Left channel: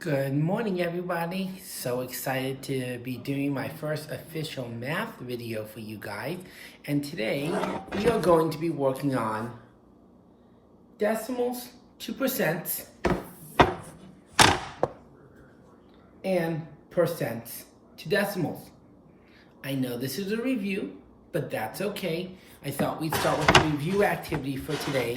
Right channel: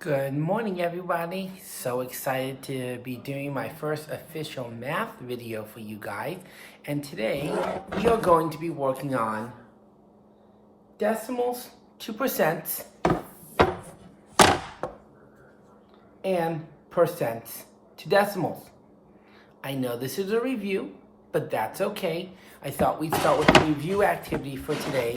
Good morning, everybody. So excited to be doing my first official math video for you guys. And today we are going to be working on decimals to percents and percents to decimals. I know this is a review, but that's okay. I thought we'd start with the review activity for today,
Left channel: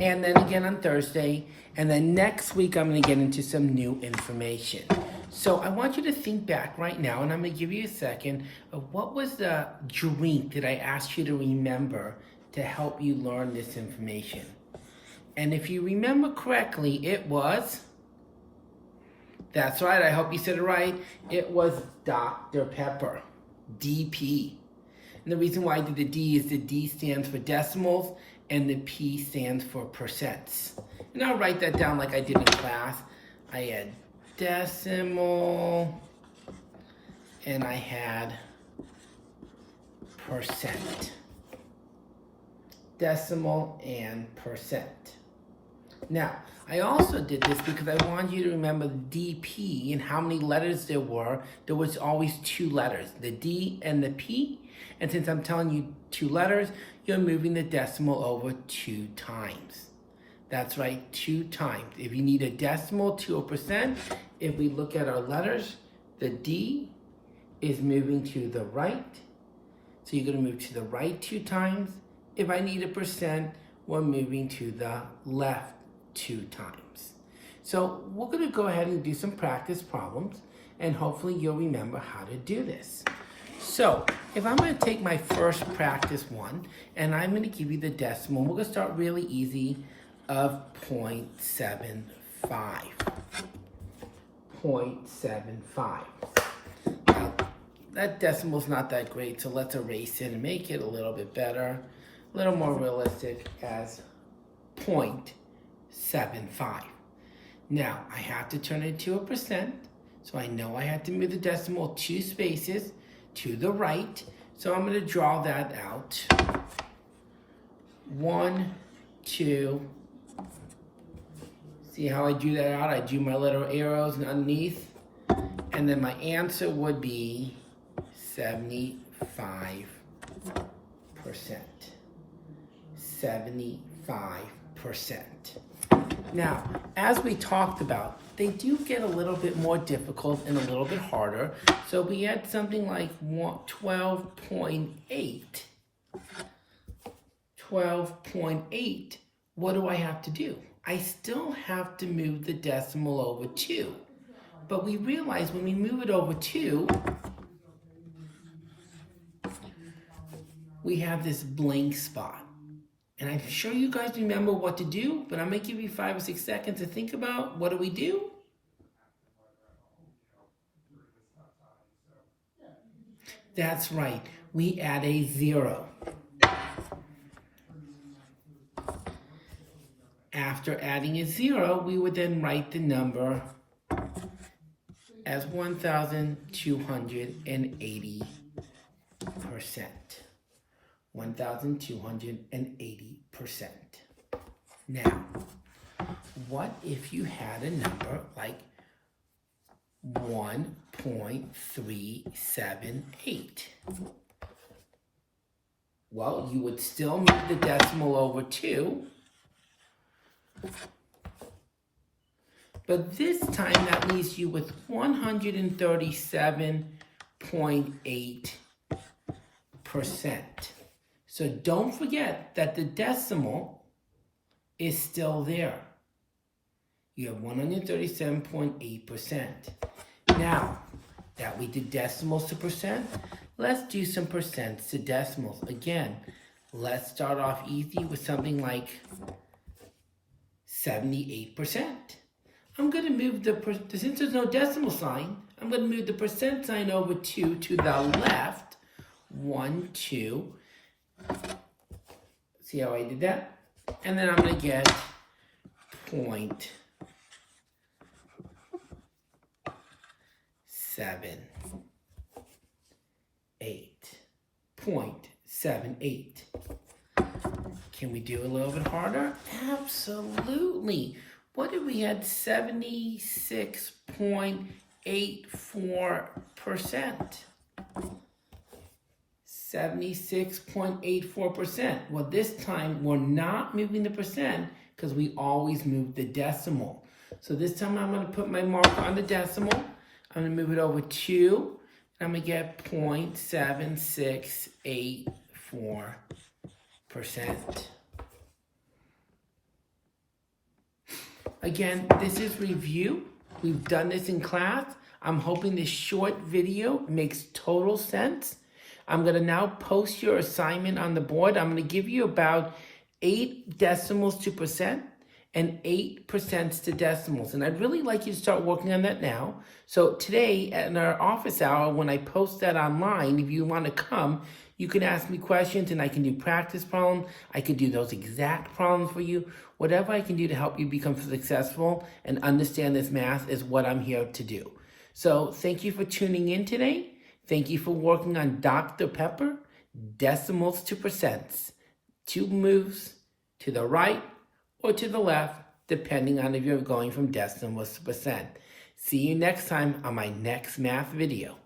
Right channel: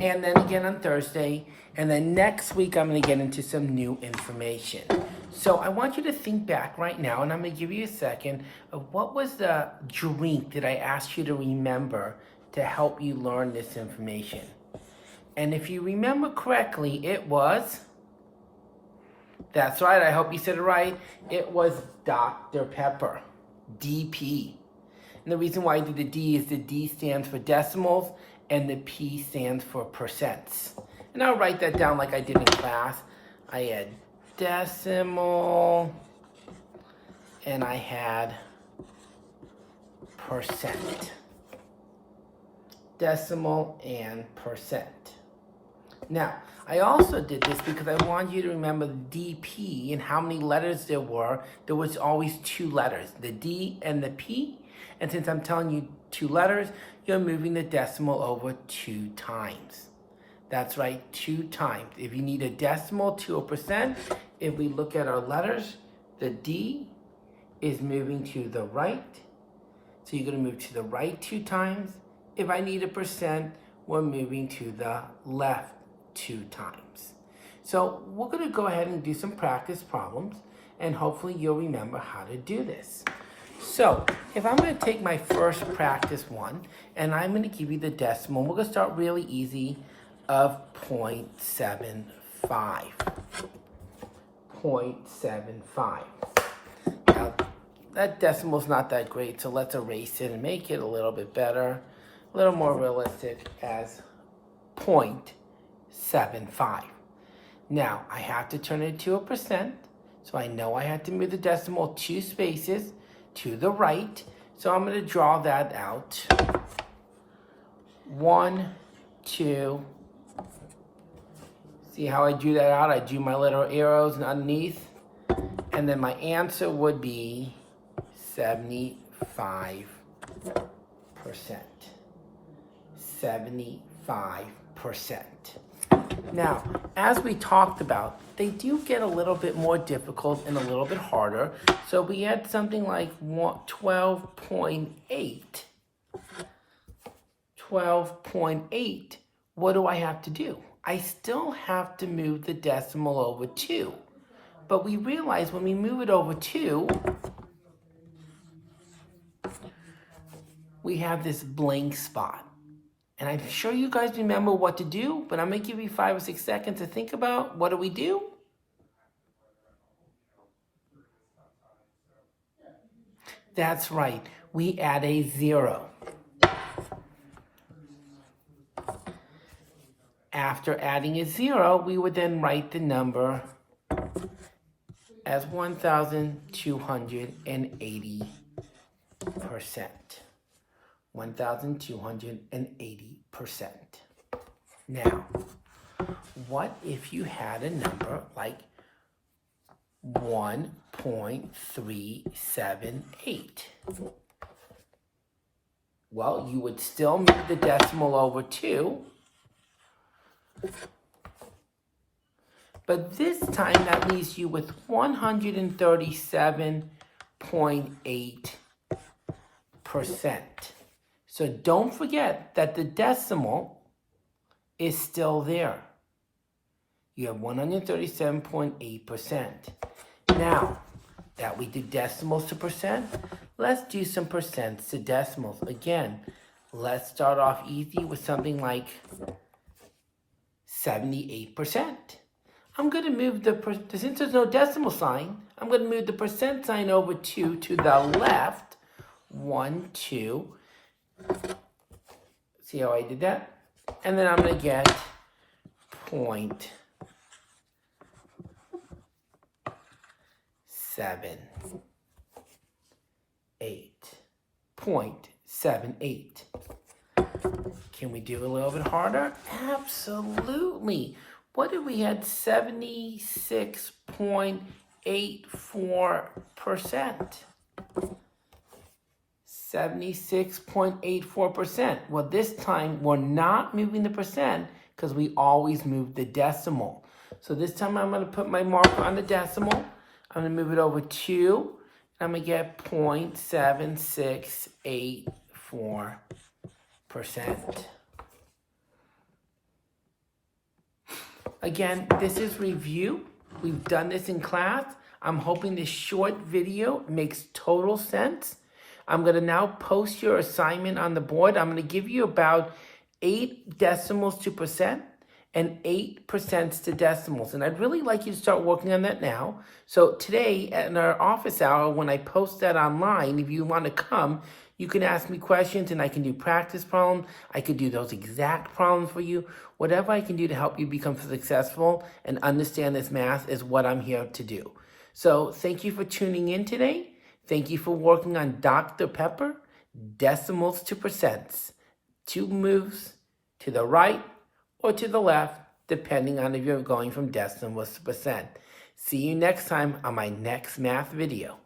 and then again on Thursday, and then next week I'm going to get into some new information. So I want you to think back right now, and I'm going to give you a second of what was the drink that I asked you to remember to help you learn this information. And if you remember correctly, it was, that's right, I hope you said it right, it was Dr. Pepper, DP. And the reason why I did the D is the D stands for decimals and the P stands for percents. And I'll write that down like I did in class. I had decimal and I had percent. Decimal and percent. Now, I also did this because I wanted you to remember the DP and how many letters there were. There was always two letters, the D and the P. And since I'm telling you two letters, you're moving the decimal over 2 times. That's right, 2 times. If you need a decimal to a percent, if we look at our letters, the D is moving to the right. So you're going to move to the right 2 times. If I need a percent, we're moving to the left 2 times. So we're going to go ahead and do some practice problems, and hopefully you'll remember how to do this. So if I'm going to take my first practice one, and I'm going to give you the decimal, we're going to start really easy, of 0.75. 0.75. Now, that decimal's not that great, so let's erase it and make it a little bit better, a little more realistic as 0.75. Now, I have to turn it to a percent, so I know I have to move the decimal 2 spaces to the right. So I'm going to draw that out. 1, 2. See how I drew that out? I drew my little arrows underneath. And then my answer would be 75%. 75%. Now, as we talked about, they do get a little bit more difficult and a little bit harder. So we had something like 12.8. 12.8. What do I have to do? I still have to move the decimal over 2. But we realize when we move it over 2, we have this blank spot. And I'm sure you guys remember what to do, but I'm going to give you 5 or 6 seconds to think about what do we do? That's right, we add a 0. After adding a 0, we would then write the number as 1,280%. 1,280%. Now, what if you had a number like 1.378? Well, you would still move the decimal over 2. But this time that leaves you with 137.8%. So don't forget that the decimal is still there. You have 137.8%. Now that we did decimals to percent, let's do some percents to decimals. Again, let's start off easy with something like 78%. I'm going to move since there's no decimal sign, I'm going to move the percent sign over 2 to the left. 1, 2. See how I did that? And then I'm going to get 0.78. 0.78. Can we do a little bit harder? Absolutely. what did we had? 76.84%. 76.84%. Well, this time we're not moving the percent because we always move the decimal. So this time I'm going to put my marker on the decimal. I'm going to move it over 2. I'm going to get 0.7684%. Again, this is review. We've done this in class. I'm hoping this short video makes total sense. I'm going to now post your assignment on the board. I'm going to give you about 8 decimals to percent and 8 percents to decimals. And I'd really like you to start working on that now. So today in our office hour, when I post that online, if you want to come, you can ask me questions and I can do practice problems. I could do those exact problems for you. Whatever I can do to help you become successful and understand this math is what I'm here to do. So thank you for tuning in today. Thank you for working on Dr. Pepper, decimals to percents. 2 moves to the right or to the left, depending on if you're going from decimals to percent. See you next time on my next math video.